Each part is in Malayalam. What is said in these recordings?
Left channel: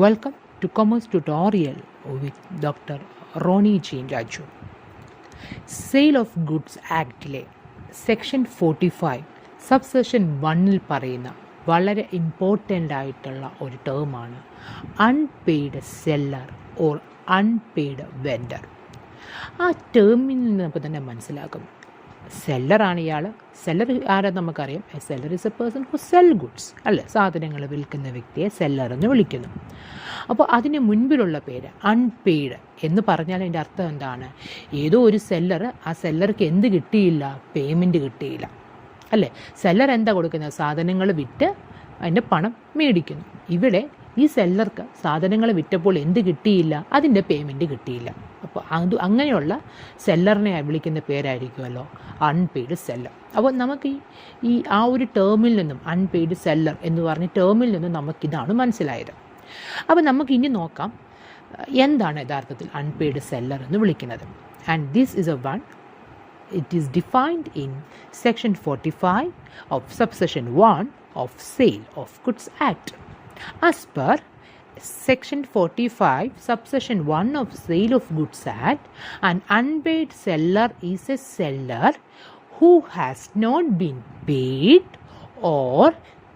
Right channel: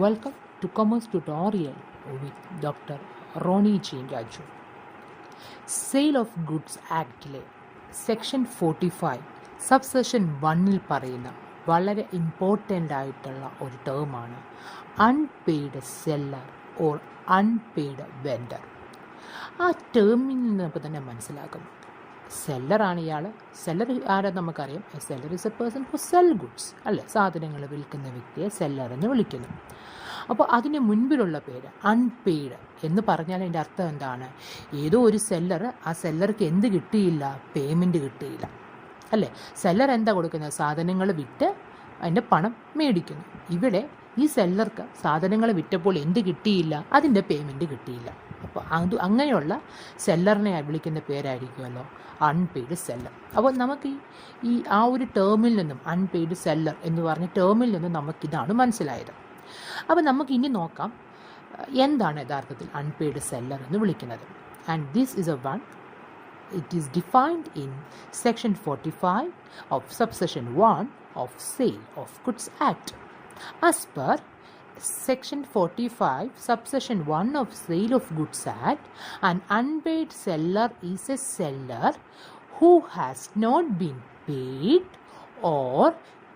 Welcome to Commerce Tutorial with Dr. Ronnie Jean Raju. Sale of goods ആക്ടിലെ സെക്ഷൻ 45 സബ്സെഷൻ 1-ൽ പറയുന്ന വളരെ ഇമ്പോർട്ടൻ്റ് ആയിട്ടുള്ള ഒരു ടേമാണ് unpaid seller or unpaid vendor. ആ ടേമിൽ നിന്ന് നമുക്ക് തന്നെ മനസ്സിലാക്കും സെല്ലറാണ് ഇയാൾ. സെല്ലർ ആരാ നമുക്കറിയാം. A seller is A person who cell goods അല്ലേ, സാധനങ്ങൾ വിൽക്കുന്ന വ്യക്തിയെ സെല്ലർ എന്ന് വിളിക്കുന്നു. അപ്പോൾ അതിന് മുൻപിലുള്ള പേര് അൺപെയ്ഡ് എന്ന് പറഞ്ഞാൽ അതിൻ്റെ അർത്ഥം എന്താണ്? ഏതോ ഒരു സെല്ലർ, ആ സെല്ലർക്ക് എന്ത് കിട്ടിയില്ല? പേയ്മെൻറ്റ് കിട്ടിയില്ല അല്ലേ. സെല്ലർ എന്താ കൊടുക്കുന്നത്? സാധനങ്ങൾ വിറ്റ് അതിൻ്റെ പണം മേടിക്കുന്നു. ഇവിടെ ഈ സെല്ലർക്ക് സാധനങ്ങൾ വിറ്റപ്പോൾ എന്ത് കിട്ടിയില്ല? അതിൻ്റെ പേയ്മെൻറ്റ് കിട്ടിയില്ല. അപ്പോൾ അങ്ങനെയുള്ള സെല്ലറിനെ വിളിക്കുന്ന പേരായിരിക്കുമല്ലോ അൺപെയ്ഡ് സെല്ലർ. അപ്പോൾ നമുക്ക് ഈ ആ ഒരു ടേമിൽ നിന്നും അൺപെയ്ഡ് സെല്ലർ എന്ന് പറഞ്ഞ ടേമിൽ നിന്നും നമുക്കിതാണ് മനസ്സിലായത്. അപ്പോൾ നമുക്ക് ഇനി നോക്കാം എന്താണ് യഥാർത്ഥത്തിൽ അൺപെയ്ഡ് സെല്ലർ എന്ന് വിളിക്കുന്നത്. And this is A one. It is defined in section 45 of subsection 1 of sale of goods act. As per Section 45, subsection 1 of Sale of Goods Act, an unpaid seller is a seller who has not been paid or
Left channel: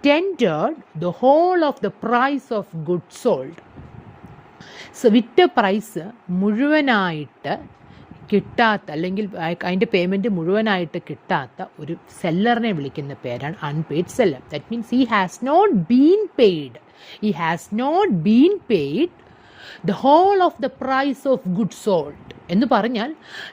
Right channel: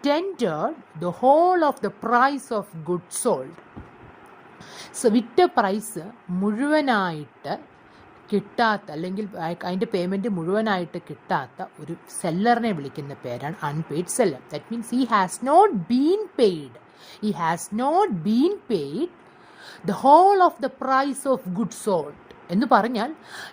tendered the whole of the price of goods sold. So, വിറ്റ പ്രൈസ് മുഴുവനായിട്ട് കിട്ടാത്ത, അല്ലെങ്കിൽ അതിൻ്റെ പേയ്മെൻറ്റ് മുഴുവനായിട്ട് കിട്ടാത്ത ഒരു സെല്ലറിനെ വിളിക്കുന്ന പേരാണ് unpaid seller. That means he has not been paid. He has not been paid the whole of the price of goods sold. എന്ന് പറഞ്ഞാൽ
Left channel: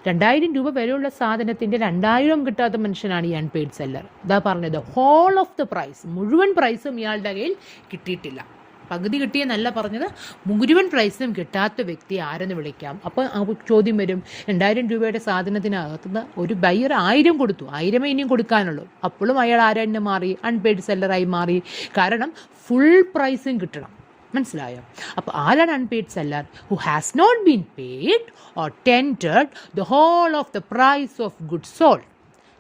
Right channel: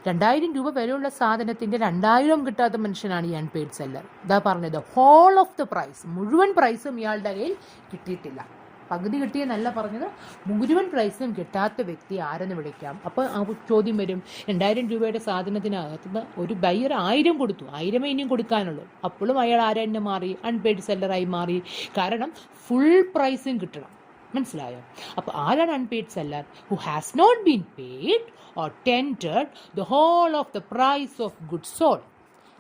2000 രൂപ വിലയുള്ള സാധനത്തിൻ്റെ 2000 കിട്ടാത്ത മനുഷ്യനാണ് ഈ അൺപെയ്ഡ് സെല്ലർ. ഇതാ പറഞ്ഞത്, ഹോൾ ഓഫ് ദ പ്രൈസ്, മുഴുവൻ പ്രൈസും ഇയാളുടെ കയ്യിൽ കിട്ടിയിട്ടില്ല. പകുതി കിട്ടിയെന്നല്ല പറഞ്ഞത്, മുഴുവൻ പ്രൈസും കിട്ടാത്ത വ്യക്തി ആരെന്ന് വിളിക്കാം. അപ്പോൾ ചോദ്യം വരും, 2000 രൂപയുടെ സാധനത്തിനകത്തുനിന്ന് ഒരു ബയർ 1000 കൊടുത്തു, 1000 ഇനിയും കൊടുക്കാനുള്ളൂ. അപ്പോഴും അയാൾ ആരെന്നെ മാറി? അൺപെയ്ഡ് സെല്ലറായി മാറി. കാരണം ഫുൾ പ്രൈസും കിട്ടണം. മനസ്സിലായോ? അപ്പോൾ ആരാണ് unpaid seller? Who has not been paid or tendered the whole of the price of goods sold.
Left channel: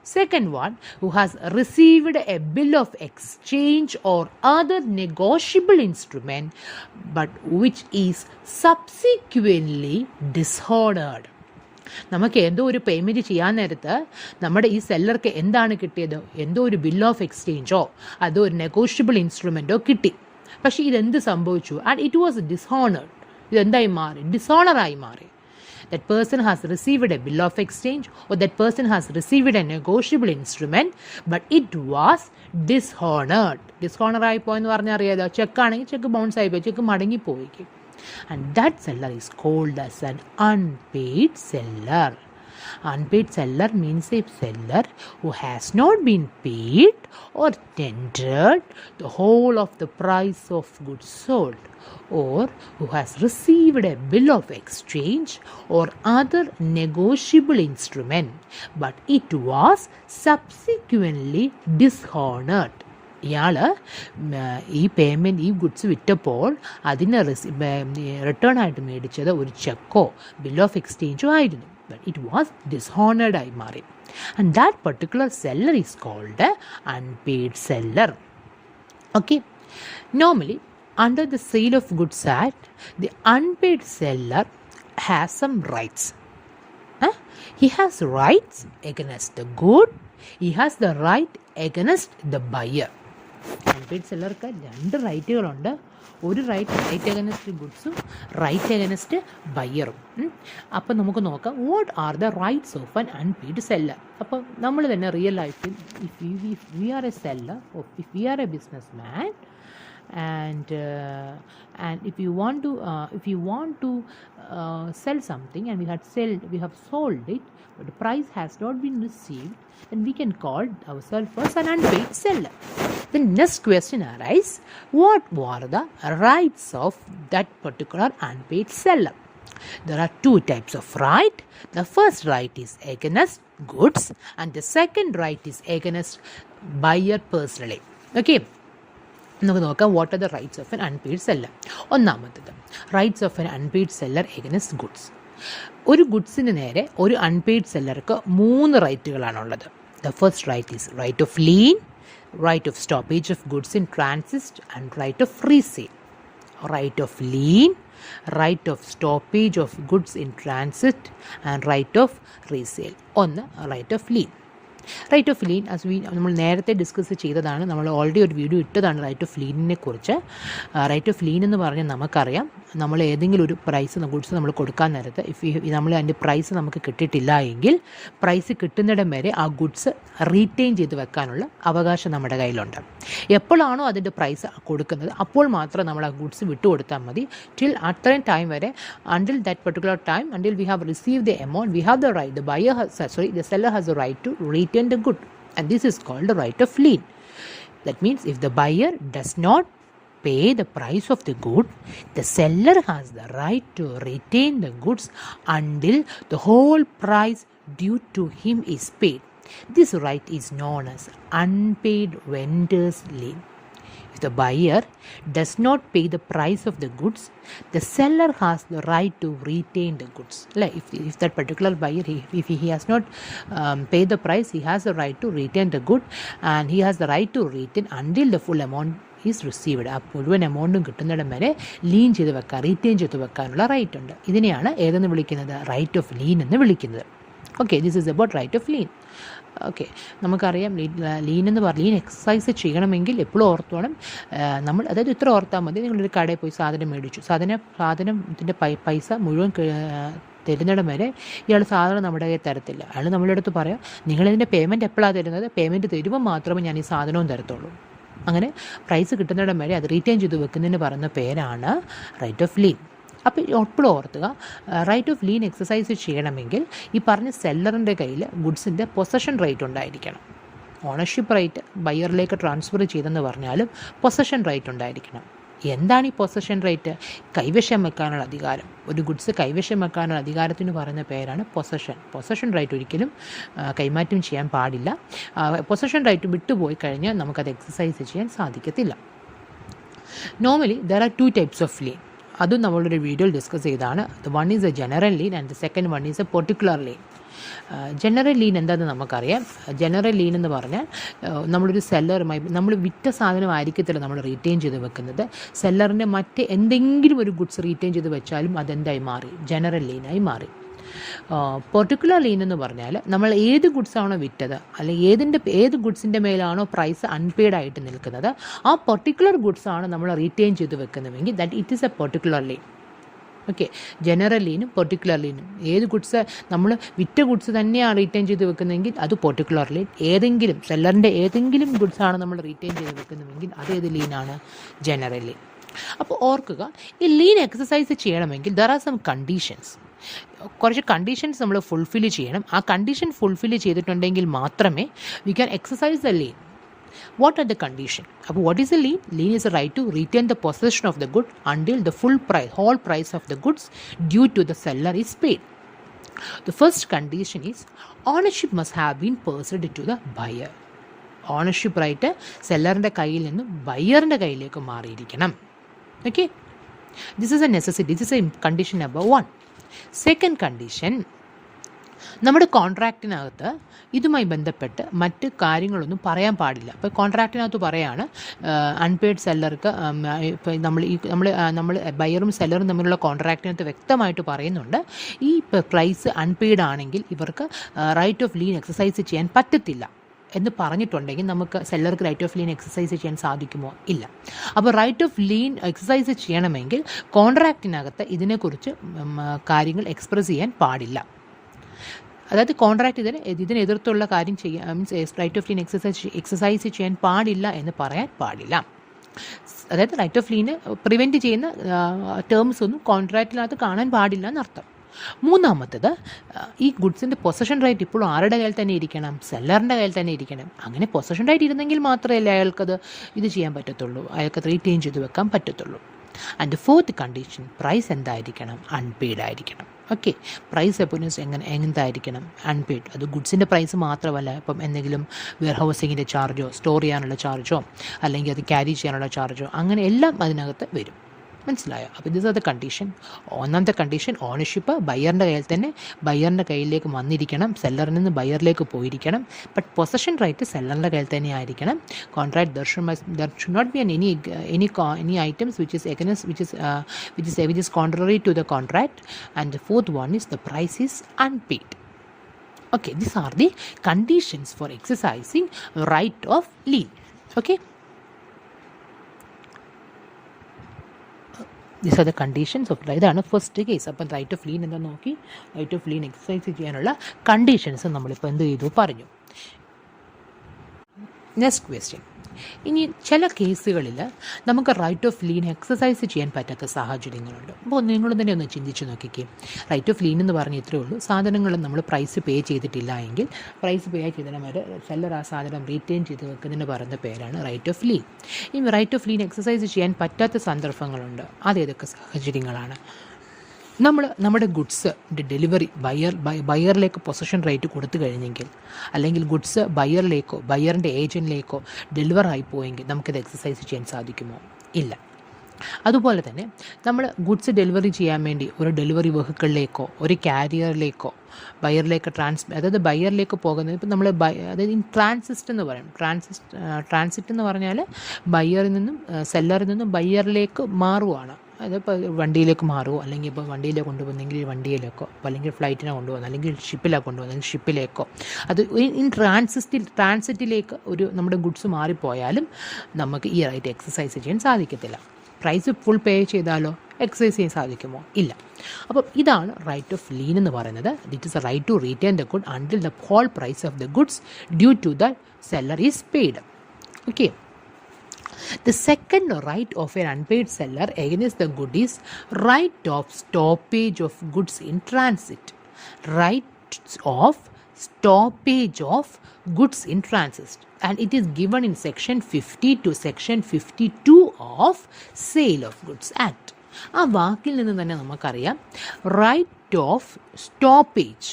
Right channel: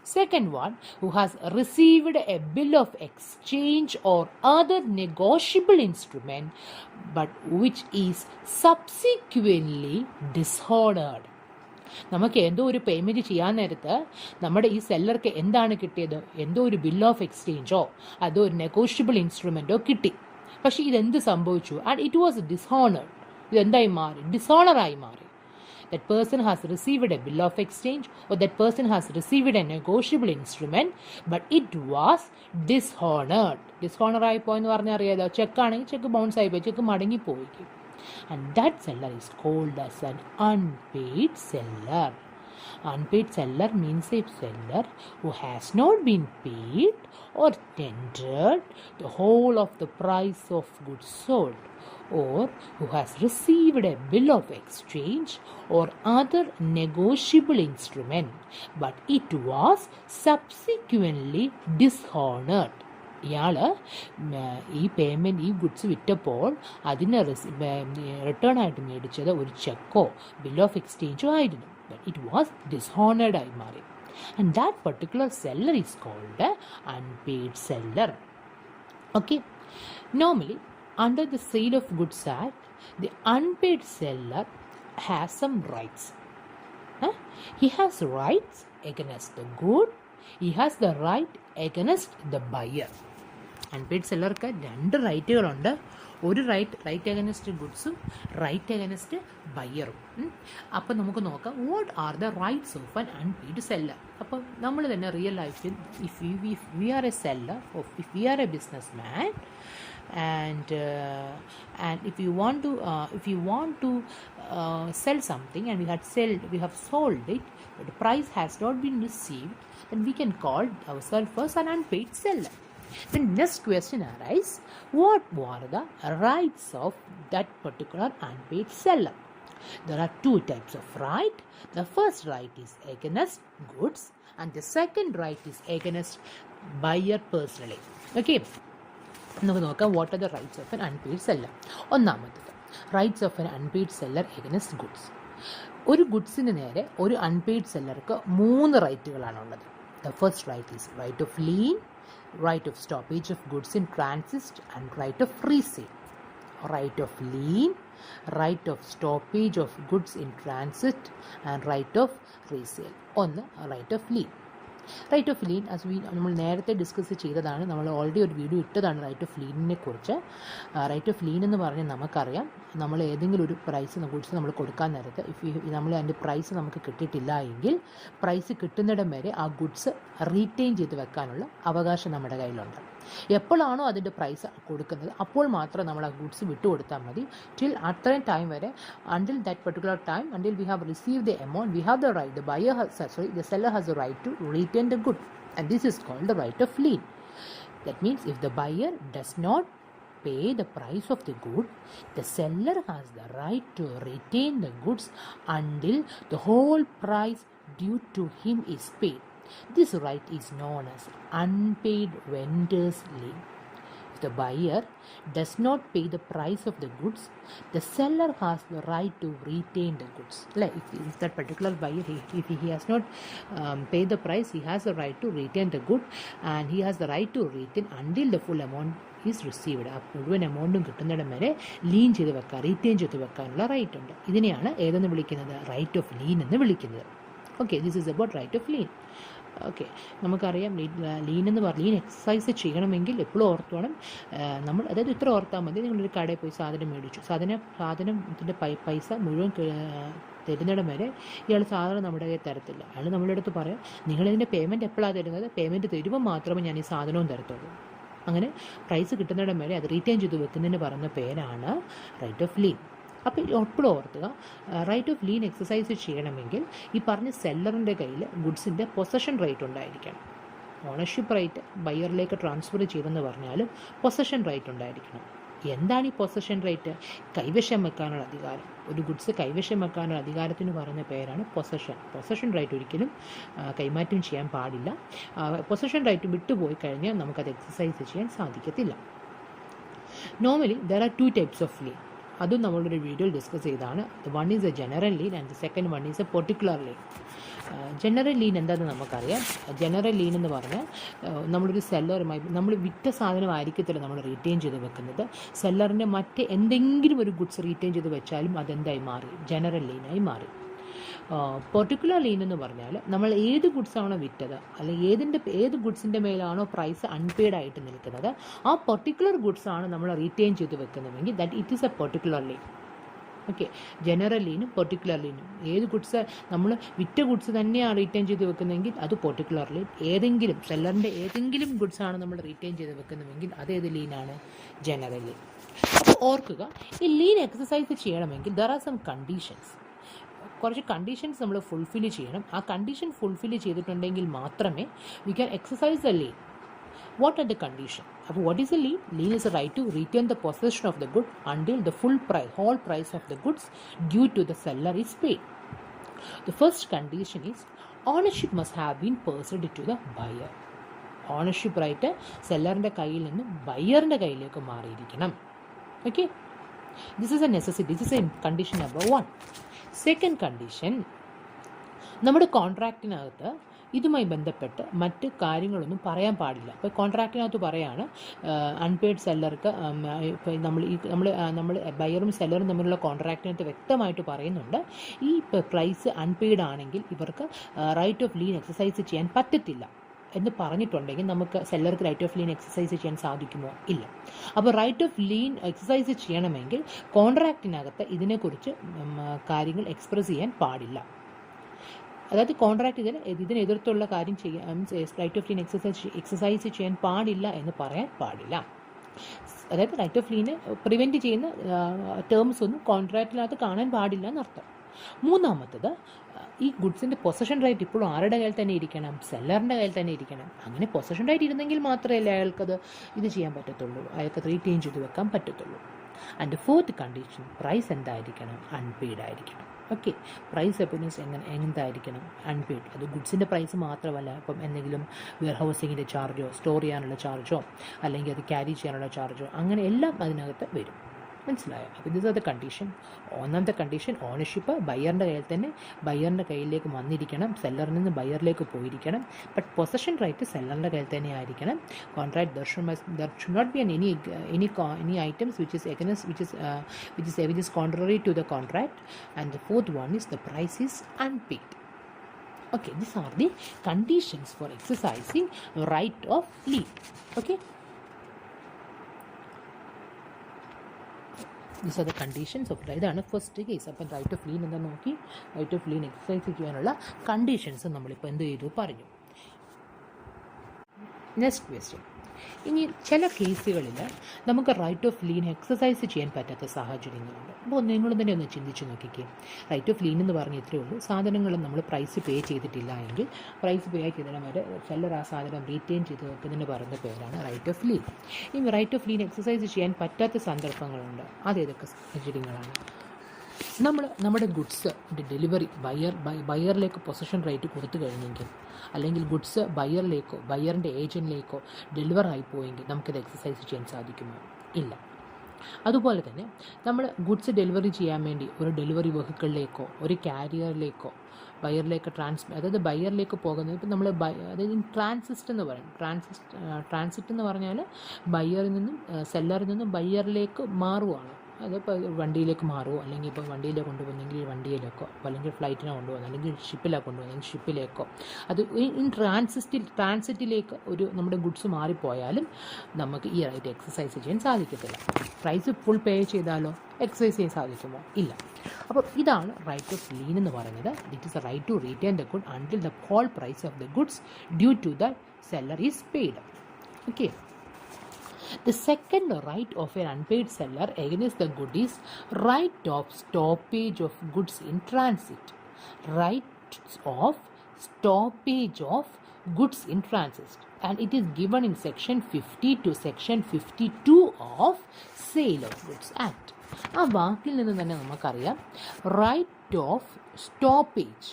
Second one, who has received a bill of exchange or other negotiable instrument but which is subsequently dishonored. നമുക്ക് എന്തോ ഒരു പേയ്മെൻറ്റ് ചെയ്യാൻ നേരത്ത് നമ്മുടെ ഈ സെല്ലർക്ക് എന്താണ് കിട്ടിയത്? എന്തോ ഒരു ബിൽ ഓഫ് എക്സ്ചേഞ്ചോ അതോ ഒരു നെഗോഷ്യബിൾ ഇൻസ്ട്രുമെൻറ്റോ കിട്ടി. പക്ഷേ ഇതെന്ത് സംഭവിച്ചു? And it was dishonoured. ഇതെന്തായി മാറി? ഡിസോണറായി മാറി. That person has received a bill of exchange or that person has received a negotiable instrument but it was dishonored. Dishonor ആയി പോയെന്ന് പറഞ്ഞാൽ അറിയാലോ, ചെക്കാണെങ്കിൽ ചെക്ക് ബൗൺസ് ആയി പോയി, ചെക്ക് മടങ്ങിപ്പോയി. And that seller is called as an unpaid seller. Unpaid seller means a seller who has not been paid or tendered the whole of the price of goods sold, or who has received a bill of exchange or other negotiable instrument but it was subsequently dishonored. ഇയാൾ ഈ പേയ്മെൻറ്റ്, ഈ ഗുഡ്സ് വിറ്റപ്പോൾ അതിന് റിട്ടേൺ ആയിട്ട് മേടിച്ചത് ഒരു ചെക്കോ ബിൽ ഓഫ് എക്സ്ചേഞ്ചോ ആയിരുന്നു. ബട്ട് ഇറ്റ് വാസ് ഡിസ്ഹോണേഡ് ആയി മാറി. And that particular seller is called unpaid seller. Okay, normally under the Sale of Goods Act, the unpaid seller has some rights. He has rights against the good. He has the right against the buyer. Unpaid സെല്ലർക്ക് 2 റൈറ്റുകളുണ്ട്. ഒരു റൈറ്റ് അഗൈൻസ്റ്റ് ഗുഡ്സും റൈറ്റ് അഗൈൻസ്റ്റ് ബയ്യറും. അപ്പം നമുക്ക് നോക്കാം what are the rights of an unpaid seller. അപ്പം നമ്മൾ തന്നെ റിയൽ ലൈഫിൽ if we are a seller, if we are a businessman, and if you want to sell something and we have sold it but the price has not been received, then we can call ourselves as an unpaid seller. The next question arises, what were the rights of that particular unpaid seller? There are 2 types of right. The first right is against goods and the second right is against buyer personally. Okay, നമുക്ക് നോക്കാം what are the rights of an unpaid seller. ഒന്നാമത്തത്, rights of an unpaid seller against goods. ഒരു ഗുഡ്സിന് നേരെ ഒരു അൺപെയ്ഡ് സെല്ലർക്ക് 3 റൈറ്റുകളാണുള്ളത്. The first right is right of lien, right of stoppage of goods in transit and right of resale. right of lien, right of stoppage of goods in transit, and right of resale. ഒന്ന് right of lien. Right of lien നമ്മൾ നേരത്തെ ഡിസ്കസ് ചെയ്തതാണ്, നമ്മൾ ഓൾറെഡി ഒരു വീഡിയോ ഇട്ടതാണ് റൈറ്റ് ഓഫ് ലീനിനെ കുറിച്ച്. റൈറ്റ് ഓഫ് ലീൻ എന്ന് പറഞ്ഞാൽ നമുക്കറിയാം, നമ്മൾ ഏതെങ്കിലും ഒരു പ്രൈസ് ഗുഡ്സ് നമ്മൾ കൊടുക്കാൻ നേരത്ത് നമ്മൾ അതിൻ്റെ പ്രൈസ് നമുക്ക് കിട്ടിയിട്ടില്ല എങ്കിൽ പ്രൈസ് കിട്ടുന്നിടം വരെ ആ ഗുഡ്സ് റീറ്റെയിൻ ചെയ്ത് വെക്കാനുള്ള അവകാശം നമ്മുടെ കയ്യിലുണ്ട്. എപ്പോഴാണോ അതിൻ്റെ പ്രൈസ് കൊടുക്കുന്നത് അപ്പോൾ മാത്രം നമ്മൾ ആ ഗുഡ്സ് വിട്ടുകൊടുത്താൽ മതി. ടിൽ അത്രയും ടൈം വരെ, until that particular time, until we have receive the amount, we have the right, the seller has the right to retain the good, and this is called the right of lien. That means if the buyer does not pay the price of the good, the seller has the right to retain the goods until the whole price due to him is paid. This right is known as unpaid vendor's lien. If the buyer does not pay the price of the goods, the seller has the right to retain the goods. Like if that particular buyer, if he has not paid the price, he has the right to retain the good, and he has the right to retain until the full amount is received. ആ മുഴുവൻ എമൗണ്ടും കിട്ടുന്നിടം വരെ ലീൻ ചെയ്ത് വെക്കാൻ, റീറ്റെയിൻ ചെയ്ത് വെക്കാനുള്ള റൈറ്റ് ഉണ്ട്. ഇതിനെയാണ് ഏതെന്ന് വിളിക്കുന്നത്? റൈറ്റ് ഓഫ് ലീൻ എന്ന് വിളിക്കുന്നത്. Okay, this is about right of lien. Okay, നമുക്കറിയാം ലീൻ എന്ന് പറഞ്ഞാൽ ലീൻ എക്സസൈസ് ചെയ്യണമെങ്കിൽ എപ്പോഴും ഓർത്തോണം നമ്മൾ, അതായത് ഇത്ര ഓർത്താൽ മതി. നിങ്ങളൊരു കടയിൽ പോയി സാധനം മേടിച്ചു, സാധനം ഇതിൻ്റെ പൈസ മുഴുവൻ തരുന്നിടം വരെ ഇയാൾ സാധനം നമ്മുടെ കയ്യിൽ തരത്തില്ല. അയാൾ നമ്മുടെ അടുത്ത് പറയാം, നിങ്ങളിതിൻ്റെ പേയ്മെൻറ്റ് എപ്പോഴാണ് തരുന്നത്, പേയ്മെൻറ്റ് തരുമ്പോൾ മാത്രമേ ഞാൻ ഈ സാധനവും തരത്തുള്ളൂ. അങ്ങനെ പ്രൈസ് കിട്ടുന്നിടം വരെ അത് റീറ്റെയിൻ ചെയ്ത് വെക്കുന്നതിന് പറയുന്ന പേരാണ് റൈറ്റ് ഓഫ് ലീൻ. അപ്പോൾ എപ്പോഴും ഓർത്തുക, റൈറ്റ് ഓഫ് ലീൻ എക്സസൈസ് ചെയ്യണമെങ്കിൽ ഈ പറഞ്ഞ സെല്ലറിൻ്റെ കയ്യിൽ ഗുഡ്സിൻ്റെ പൊസഷൻ റൈറ്റ് ഉണ്ടായിരിക്കണം. ഓണർഷിപ്പ് റൈറ്റ് ബയ്യറിലേക്ക് ട്രാൻസ്ഫർ ചെയ്തെന്ന് പറഞ്ഞാലും പൊസഷൻ റൈറ്റ് ഉണ്ടായിരിക്കണം. എന്താണ് ഈ പൊസഷൻ റൈറ്റ്? കൈവശം വെക്കാനുള്ള അധികാരം. ഒരു ഗുഡ്സ് കൈവശം വെക്കാനുള്ള അധികാരത്തിന് പറയുന്ന പേരാണ് പൊസഷൻ. പൊസഷൻ റൈറ്റ് ഒരിക്കലും കൈമാറ്റം ചെയ്യാൻ പാടില്ല. പൊസഷൻ റൈറ്റ് വിട്ടുപോയി കഴിഞ്ഞാൽ നമുക്കത് എക്സസൈസ് ചെയ്യാൻ സാധിക്കത്തില്ല. Normally there are 2 types of lean. അതും നമ്മളൊരു വീഡിയോയിൽ ഡിസ്കസ് ചെയ്താണ്. One is A general lean and the second one is a particular lean. General lean എന്താണെന്ന് നമുക്കറിയാം. ജനറൽ ലീൻ എന്ന് പറഞ്ഞാൽ നമ്മളൊരു സെല്ലറുമായി, നമ്മൾ വിറ്റ സാധനമായിരിക്കത്തില്ല നമ്മൾ റീറ്റെയിൻ ചെയ്ത് വെക്കുന്നത്. സെല്ലറിൻ്റെ മറ്റ് എന്തെങ്കിലും ഒരു ഗുഡ്സ് റീറ്റെയിൻ ചെയ്ത് വെച്ചാലും അതെന്തായി മാറി? ജനറൽ ലീനായി മാറി. പെർട്ടിക്കുലർ ലീൻ എന്ന് പറഞ്ഞാൽ നമ്മൾ ഏത് ഗുഡ്സാണോ വിറ്റത്, അല്ലെങ്കിൽ ഏത് ഗുഡ്സിൻ്റെ മേലാണോ പ്രൈസ് അൺപെയ്ഡ് ആയിട്ട് നിൽക്കുന്നത്, ആ പെർട്ടിക്കുലർ ഗുഡ്സാണ് നമ്മൾ റീറ്റെയിൻ ചെയ്ത് വെക്കുന്നതെങ്കിൽ that it is a particular lien. Okay, general ലീനും പെർട്ടിക്കുലർ ലീനും. ഏത് ഗുഡ്സ് നമ്മൾ വിറ്റ ഗുഡ്സ് തന്നെയാണ് റീറ്റെയിൻ ചെയ്ത് വെക്കുന്നതെങ്കിൽ അത് പെർട്ടിക്കുലർ ലീൻ. ഏതെങ്കിലും സെല്ലറിൻ്റെ ഏതെങ്കിലും ഗുഡ്സാണ് നമ്മൾ റീറ്റെയിൻ ചെയ്ത് വെക്കുന്നതെങ്കിൽ അതേത് ലീനാണ്? General lean. അപ്പോൾ ഓർക്കുക, ഈ ലീൻ എക്സസൈസ് ചെയ്യണമെങ്കിൽ ദർ ആർ സം കണ്ടീഷൻസ്. കുറച്ച് കണ്ടീഷൻസ് നമ്മൾ ഫുൾഫിൽ ചെയ്യണം. ആ കണ്ടീഷൻ ഫുൾഫിൽ ചെയ്തിട്ടുണ്ടെങ്കിൽ മാത്രമേ we can exercise the lean. What are the conditions? What is a lien? Lien is a right to retain the possession of the good until the whole price of the goods due to the seller is paid. The first condition is ownership must have been passed to the buyer. Ownership right സെല്ലറിൻ്റെ കയ്യിൽ നിന്നും ബയ്യറിൻ്റെ കയ്യിലേക്ക് മാറിയിരിക്കണം. Okay? This is a necessity. This is a condition number 1. Second condition, നമ്മുടെ കോൺട്രാക്റ്റിനകത്ത് ഇതുമായി ബന്ധപ്പെട്ട് മറ്റ് കാര്യങ്ങളൊന്നും പറയാൻ പാടില്ല. ഇപ്പോൾ കോൺട്രാക്റ്റിനകത്ത് പറയാണ് അൺപെയ്ഡ് സെല്ലർക്ക്, നമ്മൾ ബയറും സെല്ലറും തമ്മിലുള്ള കോൺട്രാക്റ്റിനകത്ത് വ്യക്തമായിട്ട് പറയുന്നുണ്ട്, ഈ പ്രൈസ് അൺപെയ്ഡ് ആണെങ്കിൽ ഇവർക്ക് റൈറ്റ് ഓഫ് ലീൻ എക്സസൈസ് ചെയ്യാൻ പറ്റത്തില്ല എന്ന് പറഞ്ഞിട്ടുണ്ടെങ്കിൽ നമുക്ക് സെല്ലർക്ക് റൈറ്റ് ഓഫ് ലീൻ എക്സസൈസ് ചെയ്യാൻ സാധിക്കുമോ? ഇല്ല. അപ്പോൾ റൈറ്റ് ഓഫ് ലീൻ എക്സസൈസ് ചെയ്യണമെങ്കിൽ കോൺട്രാക്റ്റിനകത്ത് ഇതിനെക്കുറിച്ച് കാര്യങ്ങൾ എക്സ്പ്രസ് ചെയ്യാൻ പാടില്ല. അതായത് കോൺട്രാക്റ്റ് ഇതിനെതിർത്തുള്ള കാര്യം ചെയ്യാൻ, റൈറ്റ് ഓഫ് ലീൻ എക്സസൈസ് ചെയ്യാൻ പാടില്ല എന്ന് പറയാൻ പാടില്ല. അതായത് റൈറ്റ് ഓഫ് ലീന് പ്രിവെൻറ്റ് ചെയ്യുന്ന ടേംസ് ഒന്നും കോൺട്രാക്റ്റിനകത്ത് കാണാൻ പാടില്ല എന്നർത്ഥം. മൂന്നാമത്തത്, ഈ ഗുഡ്സിൻ്റെ പൊസഷൻ റൈറ്റ് ഇപ്പോഴും ആരുടെ കയ്യിൽ തന്നെ ഇരിക്കണം? സെല്ലറിൻ്റെ കയ്യിൽ തന്നെ ഇരിക്കണം. അങ്ങനെ പൊസഷൻ റൈറ്റ് ഇരുന്നെങ്കിൽ മാത്രമേ അയാൾക്കത് ഇത് ചെയ്യാൻ പറ്റത്തുള്ളൂ, അയാൾക്കത് റീറ്റെയിൻ ചെയ്ത് വെക്കാൻ പറ്റത്തുള്ളൂ. ആൻഡ് ഫോർത്ത് കണ്ടീഷൻ, പ്രൈസ് എന്തായിരിക്കണം? അൺപെയ്ഡ് ആയിരിക്കണം. ഓക്കെ, പ്രൈസ് എപ്പോഴും എന്തായിരിക്കണം? അൺപെയ്ഡ്. അത് ഗുഡ്സിൻ്റെ പ്രൈസ് മാത്രമല്ല, ഇപ്പം എന്തെങ്കിലും വെയർ ഹൗസിങ്ങിൻ്റെ ചാർജോ, സ്റ്റോർ ചെയ്യാനുള്ള ചാർജോ, അല്ലെങ്കിൽ അത് ക്യാരി ചെയ്യാനുള്ള ചാർജോ, അങ്ങനെ എല്ലാം അതിനകത്ത് വരും. മനസ്സിലായോ? അപ്പോൾ ദിസ് ആർ ദ കണ്ടീഷൻ. ഒന്നാമത്തെ കണ്ടീഷൻ ഓണർഷിപ്പ് ബയ്യറിൻ്റെ കയ്യിൽ തന്നെ, ബയ്യറിൻ്റെ കയ്യിലേക്ക് വന്നിരിക്കണം, സെല്ലറിൽ നിന്ന് ബയ്യറിലേക്ക് പോയിരിക്കണം. ബട്ട് പൊസഷൻ റൈറ്റ് സെല്ലറിൻ്റെ കയ്യിൽ തന്നെ ആയിരിക്കണം. Contract there should not be any items which is contrary to the contract. And the fourth one is the price is unpaid. Okay, these are the conditions for exercising right of lien. Okay, these are the conditions of ഇതാണ് ഫസ്റ്റ് കേസ്. അപ്പം റൈറ്റ് ഓഫ് ലീൻ എന്താ നോക്കി, റൈറ്റ് ഓഫ് ലീൻ എക്സസൈസ് ചെയ്യാനുള്ള കണ്ടീഷൻസ് നമ്മളിപ്പോൾ എന്ത് ചെയ്തു പറഞ്ഞു. Next question. ഇനി ചില കേസുകളിൽ നമുക്ക് റൈറ്റ് ഓഫ് ലീൻ എക്സസൈസ് ചെയ്യാൻ പറ്റാത്ത സാഹചര്യങ്ങളുണ്ട്. അപ്പോൾ നിങ്ങൾ തന്നെ ഒന്ന് ചിന്തിച്ച് നോക്കിക്കേ. റൈറ്റ് ഓഫ് ലീൻ എന്ന് പറഞ്ഞാൽ ഇത്രയേ ഉള്ളൂ, സാധനങ്ങൾ നമ്മൾ പ്രൈസ് പേ ചെയ്തിട്ടില്ല എങ്കിൽ പ്രൈസ് പേ ചെയ്തതിന് വരെ സെല്ലർ ആ സാധനം റീറ്റെയിൻ ചെയ്ത് വെക്കുന്നതിന് പറയുന്ന പേരാണ് റൈറ്റ് ഓഫ് ലീൻ. ഈ റൈറ്റ് ഓഫ് ലീൻ എക്സസൈസ് ചെയ്യാൻ പറ്റാത്ത സന്ദർഭങ്ങളുണ്ട്. അതേതൊക്കെ സാഹചര്യങ്ങളാണ്? നമ്മുടെ ഗുഡ്സ് ഡെലിവറി ബയ്യറിലേക്ക് പൊസഷൻ റൈറ്റ് കൊടുത്തു കഴിഞ്ഞെങ്കിൽ, അല്ലെങ്കിൽ ഗുഡ്സ് ബയ്യറിലേക്കോ ബയ്യറിൻ്റെ ഏജൻറ്റിലേക്കോ ഡെലിവർ ആയിപ്പോയെങ്കിൽ നമുക്കത് എക്സസൈസ് ചെയ്യാൻ സാധിക്കുമോ? ഇല്ല. അതുപോലെ തന്നെ നമ്മൾ ഗുഡ്സ് ഡെലിവറി ചെയ്യാൻ വേണ്ടി ഒരു ഡെലിവറി വെഹിക്കിളിലേക്കോ ഒരു കാരിയറിലേക്കോ ബയ്യറിലേക്ക് അതായത് ബയ്യറിലേക്ക് പോകുന്നത്, ഇപ്പം നമ്മൾ അതായത് ട്രാൻസിസ്റ്റ് എന്ന് പറയും. ട്രാൻസിറ്റ് എന്ന് പറഞ്ഞാൽ ബയ്യറിൽ നിന്നും സെല്ലറിൽ നിന്നും ബയ്യറിലേക്ക് മാറുവാണ്. അതിപ്പോൾ വണ്ടിയിലേക്ക് മാറുമോ, അല്ലെങ്കിൽ ഇപ്പോൾ വണ്ടിയിലേക്ക് കൊണ്ടുപോകുന്നെങ്കിൽ വണ്ടിയിലേക്കോ, അല്ലെങ്കിൽ ഫ്ലൈറ്റിനെ കൊണ്ടുപോകുന്നത്, അല്ലെങ്കിൽ ഷിപ്പിലാണ് കൊണ്ടുപോകുന്നത്, ഷിപ്പിലേക്കോ. അത് ട്രാൻസിറ്റിലേക്ക് നമ്മുടെ ഗുഡ്സ് മാറിപ്പോയാലും നമുക്ക് ഈ റൈറ്റ് എക്സസൈസ് ചെയ്യാൻ സാധിക്കത്തില്ല. പ്രൈസ് ഫുൾ പേ ചെയ്താലോ എക്സസൈസ് ചെയ്യാൻ സാധിക്കുമോ? ഇല്ല. അപ്പോൾ ഇതാണ് റൈറ്റ് ഓഫ് ലീൻ എന്ന് പറയുന്നത്. It is a right to retain the good until the whole price of the goods due to the seller is paid. Okay. The second right of an unpaid seller against the good is right of stoppage of goods in transit. Right of stoppage of goods in transit. And it is given in section 50 to section 52 of Sale of Goods Act. ആ വാക്കിൽ നിന്ന് തന്നെ നമുക്കറിയാം റൈറ്റ് ഓഫ് സ്റ്റോപ്പേജ്.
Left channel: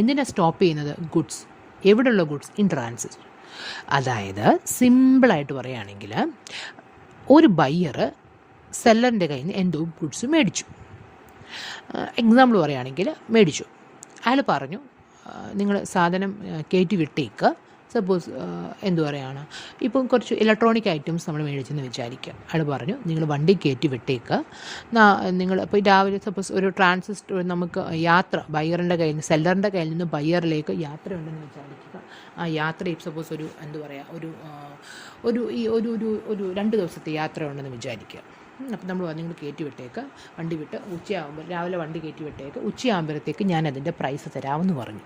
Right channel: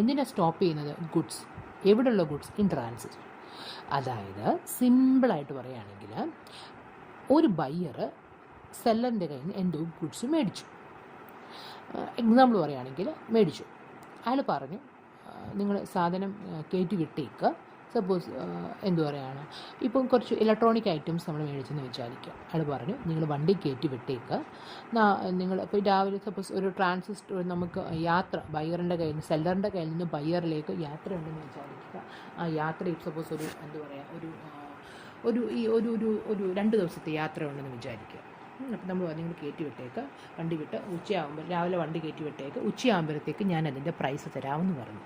എന്തിനാണ് സ്റ്റോപ്പ് ചെയ്യുന്നത്? ഗുഡ്സ്. എവിടെയുള്ള ഗുഡ്സ്? In transit. അതായത് സിമ്പിളായിട്ട് പറയുകയാണെങ്കിൽ, ഒരു ബയ്യർ സെല്ലറിൻ്റെ കയ്യിൽ നിന്ന് എന്തോ ഗുഡ്സ് മേടിച്ചു. എക്സാമ്പിൾ പറയുകയാണെങ്കിൽ മേടിച്ചു. അയാൾ പറഞ്ഞു നിങ്ങൾ സാധനം കയറ്റി വിട്ടേക്ക്. സപ്പോസ് എന്തു പറയുകയാണ്, ഇപ്പം കുറച്ച് ഇലക്ട്രോണിക് ഐറ്റംസ് നമ്മൾ മേടിച്ചെന്ന് വിചാരിക്കുക. അയാൾ പറഞ്ഞു നിങ്ങൾ വണ്ടി കയറ്റി വിട്ടേക്ക്. നിങ്ങൾ ഇപ്പോൾ രാവിലെ സപ്പോസ് ഒരു നമുക്ക് യാത്ര ബയ്യറിൻ്റെ കയ്യിൽ നിന്ന് സെല്ലറിൻ്റെ കയ്യിൽ നിന്ന് ബയ്യറിലേക്ക് യാത്ര ഉണ്ടെന്ന് വിചാരിക്കുക. ആ യാത്ര സപ്പോസ് ഒരു എന്തു പറയുക ഒരു 2 ദിവസത്തെ യാത്ര ഉണ്ടെന്ന് വിചാരിക്കുക. അപ്പം നമ്മൾ നിങ്ങൾ കയറ്റി വിട്ടേക്ക്, വണ്ടി വിട്ട് ഉച്ചയാകുമ്പോൾ രാവിലെ വണ്ടി കയറ്റി വിട്ടേക്ക്, ഉച്ചയാകുമ്പോഴത്തേക്ക് ഞാൻ അതിൻ്റെ പ്രൈസ് തരാമെന്ന് പറഞ്ഞു.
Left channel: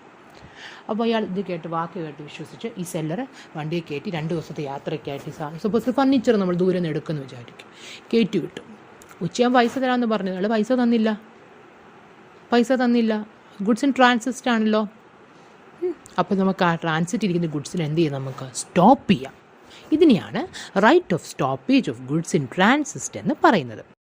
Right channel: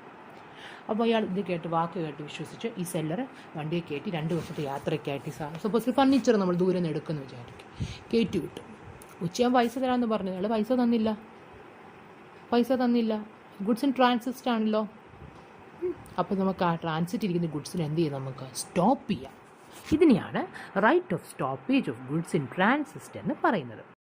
അപ്പോൾ അയാൾ ഇത് കേട്ട് വാക്ക് കേട്ട് വിശ്വസിച്ച് ഈ സെല്ലർ വണ്ടിയെ കയറ്റി 2 ദിവസത്തെ യാത്രയ്ക്കായിട്ട് സപ്പോസ് ഫർണിച്ചർ നമ്മൾ ദൂരെ നിന്ന് എടുക്കുമെന്ന് വിചാരിക്കും. കയറ്റി വിട്ടു. ഉച്ചയാകുമ്പോൾ പൈസ തരാമെന്ന് പറഞ്ഞു. അയാൾ പൈസ തന്നില്ല. ഗുഡ്സ് ഇൻ ട്രാൻസിറ്റ് ആണല്ലോ. അപ്പോൾ നമുക്ക് ആ ട്രാൻസിറ്റ് ഇരിക്കുന്ന ഗുഡ്സിന് എന്ത് ചെയ്യാം? നമുക്ക് സ്റ്റോപ്പ് ചെയ്യാം. ഇതിനെയാണ് right of stoppage of goods in transit എന്ന് പറയുന്നത്.